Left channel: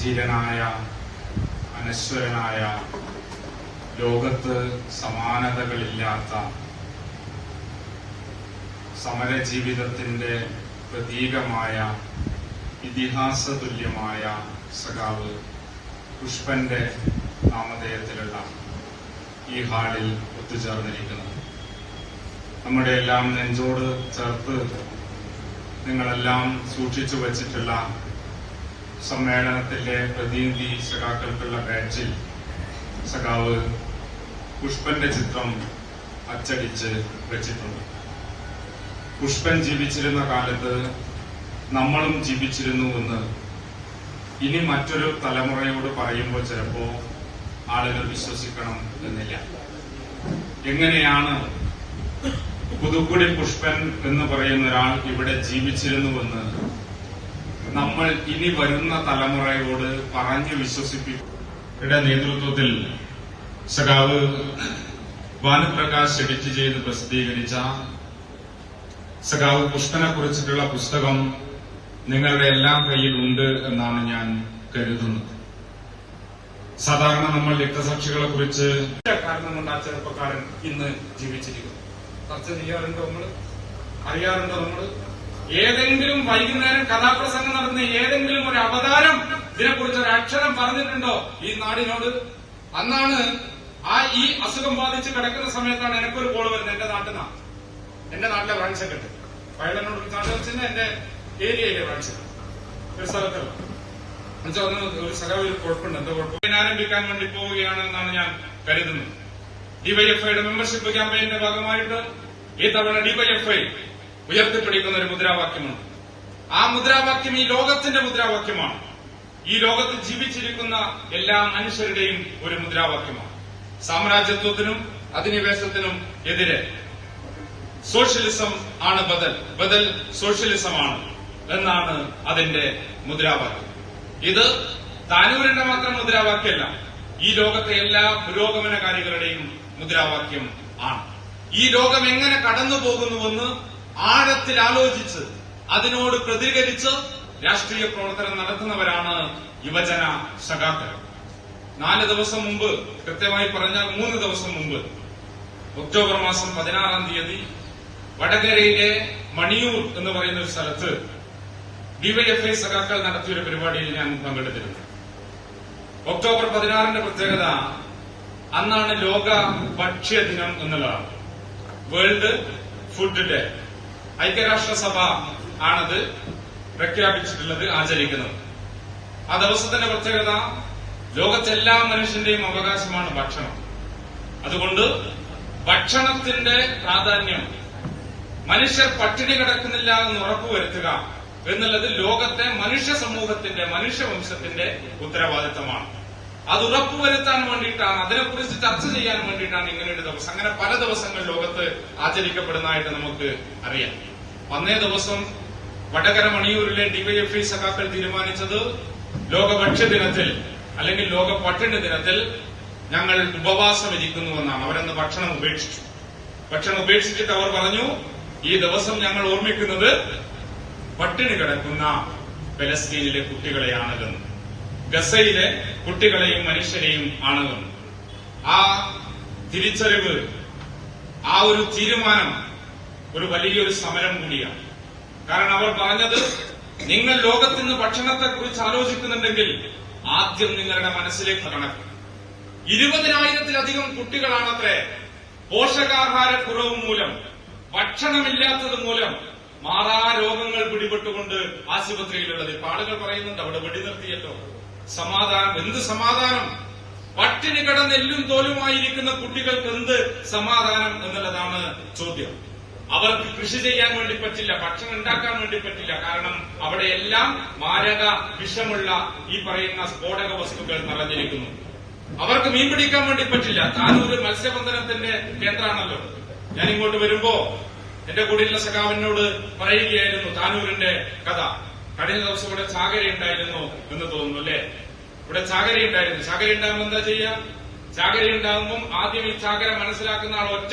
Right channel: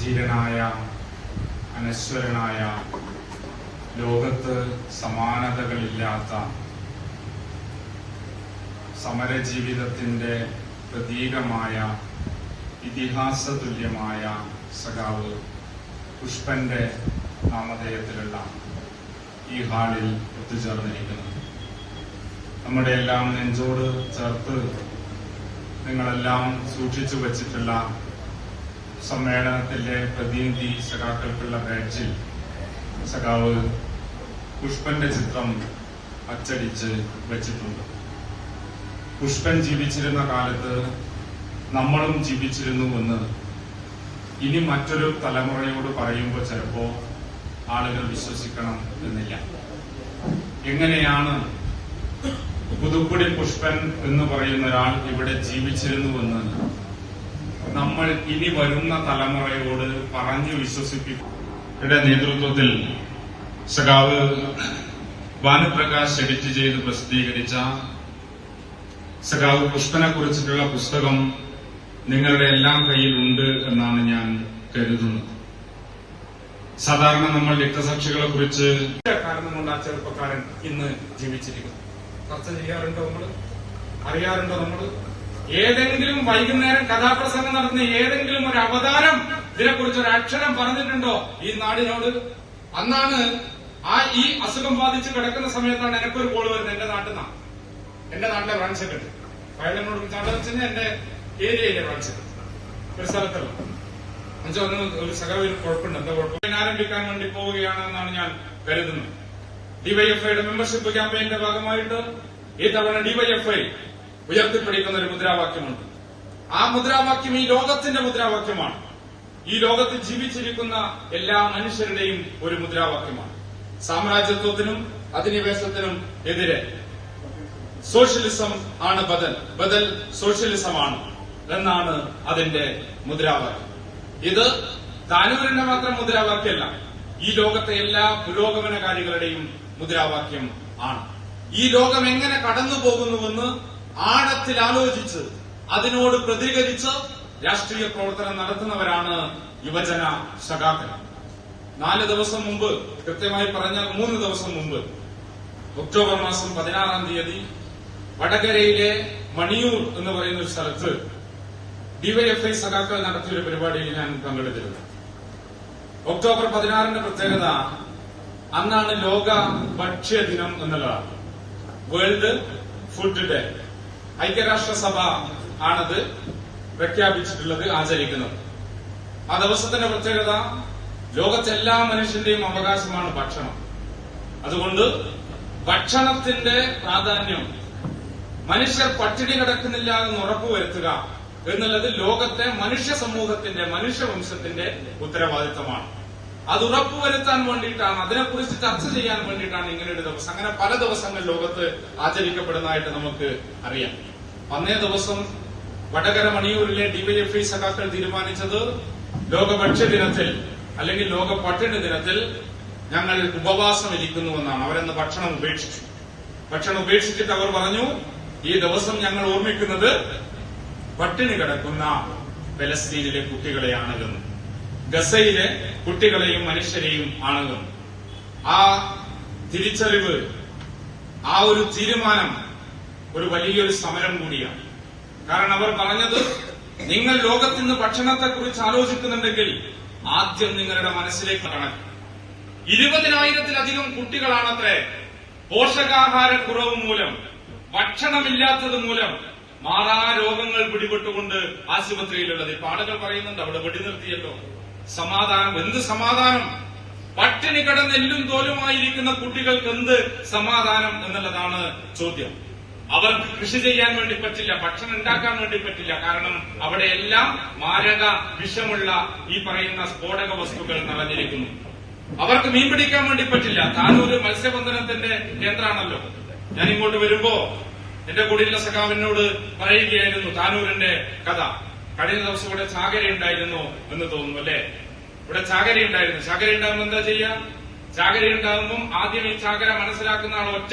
ധീരനായ അനശ്വരനായ ലോകത്ത് സമാനതകളില്ലാത്ത സമരജീവിതത്തിന്റെ പ്രതീകമായ ഇതിഹാസതുല്യമായ സഖാവ് പുഷ്പന്റെ നാമധേയത്തിലുള്ള ഈ ഹാളിൽ ഒത്തുചേർന്നിരിക്കുന്നത് നമ്മുടെ എല്ലാം നെഞ്ചോട് ചേർത്ത് നിങ്ങളെല്ലാം സൂക്ഷിച്ചു വച്ചിട്ടുള്ള സമ്മേളനത്തിലെ പ്രതിനിധി സഖാക്കൾക്കുള്ള ബാഡ്ജിൽ സഖാവ് പുഷ്പന്റെ ചിത്രം അച്ചടിച്ച് വച്ചിട്ടുണ്ട്. പുഷ്പൻ ജീവിച്ചിരുന്ന കാലത്ത് നമ്മളും ജീവിച്ചിരുന്നുവെന്ന് ഇനി മറ്റൊരു തലമുറയോട് പറയുമ്പോൾ ചിലപ്പോ ആളുകൾ വിശ്വസിക്കണം എന്നില്ല. എങ്ങനെയാണ് പുതുക്കുടി പുഷ്പൻ എന്ന് പറയുന്ന ഒരാൾ ഇവിടെ ജീവിച്ചിരുന്നുവെന്ന് നമ്മൾ ഇനി വരുന്ന തലമുറയോട് പറഞ്ഞു വിശ്വസിപ്പിക്കും. നേതൃത്വത്തിൽ സഖാവ് ഭാനുപ്രകാശ് എഡിറ്റ് ചെയ്ത് പ്രസിദ്ധീകരിച്ച സഖാവ് പുഷ്പനെ കുറിച്ചിട്ടുള്ള പുസ്തകം നിങ്ങളുടെ എല്ലാം കയ്യിലുണ്ട് എന്നാണ് ഞാൻ കരുതുന്നത്. സാധാരണ നമ്മൾ രക്തസാക്ഷികളെ കുറിച്ച് കാരണം കൊണ്ട് ആ ചെറുപ്പക്കാരൻ ഇന്ന് ജീവിച്ചിരിക്കുന്നു. ചർച്ച ചെയ്യാറുണ്ടോ നമ്മൾ? അറിയാറുണ്ടോ നമ്മൾ? ഏതെങ്കിലും വൈകുന്നേരം കഥാപ്രസംഗം നടത്തുന്ന ഏതെങ്കിലും ഒരു അവതാരം ഇതിനെക്കുറിച്ച് ഒരു അക്ഷരം പറഞ്ഞിട്ടുണ്ടോ ഈ നാടിനോട്? അന്നാണ് ഈ അസുഖം ബാധിച്ച് കിടക്കുന്ന സമയത്താണ് എനിക്കൊരു കോള് വരുന്നത് എന്റെ നാട്ടിൽ നിന്നാണ്. എന്റെ നാട്ടിലെ ബ്രാഞ്ച് സെക്രട്ടറി വയലനോട് വിളിച്ചാൽ എന്റെ ഏരിയയിലെ ബ്രാഞ്ച് സെക്രട്ടറി ഒരു സ്ഥലത്തുള്ള ഒരു സഖാവ് ഒരു കുഴപ്പമുണ്ട്, എന്താ കുഴപ്പം ആരംഭിക്കാൻ വേണ്ടി പോവുകയാണെന്നാണ് ഞാൻ കരുതുന്നത്. ഡിവൈഎഫ്ഐയുടെ മെമ്പർഷിപ്പ് ക്യാമ്പയിന്റെ ഭാഗമായിട്ട് ഈ തവണ ഡിവൈഎഫ്ഐ ഉയർത്തിപ്പിടിക്കുന്ന ഒരു മുദ്രാവാക്യമുണ്ട്. ആ മുദ്രാവാക്യം ഈ ലോകത്തിന്റെ മുദ്രാവാക്യമാണ്. ഈ ലോകത്ത് ജീവിച്ചിരിക്കുന്ന എല്ലാ മനുഷ്യരുടെയും ഒരു മുദ്രാവാക്യമാണ്. സാമ്രാജ്യത്വത്തിനും അധിനിവേശത്തിനും എതിരെ സോഷ്യലിസം ആണ് ബദൽ, ബദൽ സോഷ്യലിസമാണ് എന്നാണ് അതിന്റെ മുദ്രാവാക്യം. ഇത് താനൂരിന്റെ മാത്രം മുദ്രാവാക്യമല്ല, ഈ ലോകത്തെ എല്ലാ പുരോഗമനകാരികളുടെയും മുദ്രാവാക്യം ആണ്. ഈ ലോകം എങ്ങനെ കടന്നുപോകുന്നുവെന്ന് ആഴത്തിൽ ആലോചിച്ച് അതിനോട് പ്രതികരിച്ച് രാഷ്ട്രീയ പ്രവർത്തനം നടത്തുന്നവരാണ് യുവജന സഖാക്കൾ. 4 ദിവസം മുമ്പ്, കൃത്യമായി പറഞ്ഞാൽ 3 ദിവസം മുമ്പ്, ഒക്ടോബർ മാസം 16-ാം തീയതി വടകരയിലെ മണിയൂർ എന്ന് പറയുന്ന ഒരു സ്ഥലത്ത് ഡിവൈഎഫ്ഐ സഖാക്കൾ നടത്തിയൊരു പരിപാടിയിൽ ഞാൻ പങ്കെടുത്തിരുന്നു. ഒക്ടോബർ 16-ന്റെ പ്രത്യേകത അന്നാണ് ലോക ഭക്ഷ്യദിനം എന്നുള്ളതാണ്. World food day. ഐക്യരാഷ്ട്രസഭ ആണത് പ്രഖ്യാപിച്ചിട്ടുള്ളത്, ആചരിക്കുന്നത്. ആ ദിവസത്തിന്റെ പ്രത്യേകത ലോകത്തെ എല്ലാ മനുഷ്യന്റെയും അവകാശമാണ് ഭക്ഷണം. അതുകൊണ്ട് ഭക്ഷണത്തിന്റെ പ്രാധാന്യം, മനുഷ്യർ പട്ടിണി കിടക്കുന്നില്ല എന്ന് ഉറപ്പുവരുത്തുക എന്നുള്ളത് ലോകത്തെ മനുഷ്യ സമൂഹത്തിന്റെ, മനുഷ്യവംശത്തിന്റെ ഉത്തരവാദിത്തമാണ്. അത് ഉറപ്പുവരുത്താൻ വേണ്ടിയിട്ടാണ്, അതിനെക്കുറിച്ച് ചർച്ച ചെയ്യാൻ വേണ്ടിയിട്ടാണ് ഇങ്ങനെ ഒരു ദിവസം. അങ്ങനെ പല ദിവസങ്ങൾ ലോകത്ത് ആചരിക്കപ്പെടുന്നതായിട്ട് നമുക്ക് അറിയാം. അന്നേ ദിവസം വടകര മണിയൂരിലെ ഡിവൈഎഫ്ഐ സഖാക്കൾ തീരുമാനിച്ചത് ലോക ഭക്ഷ്യദിനത്തിൽ അല്ലെങ്കിൽ ലോക പട്ടിണി ദിനത്തിൽ ഞങ്ങൾ ഉപവാസം ഇരിക്കുന്നുവെന്നാണ്. അവരെന്ന് ഭക്ഷണം ഉപേക്ഷിച്ചു. ഭക്ഷണം ഉപേക്ഷിച്ചിട്ട് അവർ പറഞ്ഞു, ഈ ദിവസം ഞങ്ങൾ ഓർമ്മിക്കുന്നത് പട്ടിണി കിടക്കുന്ന ഫലസ്തീനിലെ കുട്ടികളെയാണ് എന്ന്, ഗസയിലെ കുട്ടികളെയും മനുഷ്യരെയും ആണ് എന്ന്. ആ തിരിച്ചറിവ്, ആ ഒരു തീരുമാനം ഒരു വലിയൊരു സമരം കൂടിയാണ്. കാരണം അവർ പറഞ്ഞത്, നിങ്ങൾ ലോകത്തിന്ന് ഭക്ഷണത്തെക്കുറിച്ച് ആലോചിക്കുന്നുണ്ടെങ്കിൽ ആദ്യം നിങ്ങളുടെ മനസ്സിലേക്ക് കണക്ക്. 20,000-ത്തിലധികം കുട്ടികളാണത്രേ പോഷകാഹാരക്കുറവ് മൂലം, ഭക്ഷണമില്ലാത്തത് മൂലം മാറാരോഗങ്ങൾ പിടിപെട്ടുകൊണ്ട് ആശുപത്രിയിലുള്ളത്. ഇപ്പൊ ആളുകൾ പറയുന്നുണ്ട് അവിടെ വെടിനിർത്തിയല്ലോ, സമാധാനം. എന്ത് സമാധാനം? പട്ടിണി കിടന്ന് എല്ലും തോലുമായിരിക്കുന്ന കുട്ടികൾക്ക് എന്ത് സമാധാനം എന്നുള്ളതാണ് ചോദ്യം. അവർക്ക് കൃഷി ചെയ്യാൻ വേണ്ടി പറ്റില്ല, ഭക്ഷണം ഉണ്ടാക്കാൻ വേണ്ടി പറ്റില്ല. കാരണം അവിടെയെല്ലാം മാരക വിഷമുള്ള ഈ പറയുന്ന സ്ഫോടക വസ്തുക്കൾ നിറഞ്ഞിരിക്കുന്നു. അവർക്ക് മീൻ പിടിക്കാൻ വേണ്ടി പറ്റില്ല. താനൂര് മത്സ്യബന്ധനത്തിന്റെ കേന്ദ്രമാണല്ലോ. ഞാൻ ഇങ്ങോട്ട് വരുമ്പോ എന്റെ കൂടെയുള്ള സഖാവിനോട് പറയുകയായിരുന്നു താനൂരിന്റെ കഥ. കഴിഞ്ഞ ദിവസം ഇവിടെ ചാകര ഉണ്ടായിരുന്നു എന്ന് തോന്നുന്നു അല്ലെ? ഇവിടെ ചാകര ഉണ്ടായിരുന്നു. ചാകര ഉണ്ടാകുമ്പോൾ എന്താ ചെയ്യാ? ചാകര ഉണ്ടാകുമ്പോൾ ആദ്യം ഈ ചാകര മനസ്സിലാക്കുന്ന ആൾ ഒറ്റ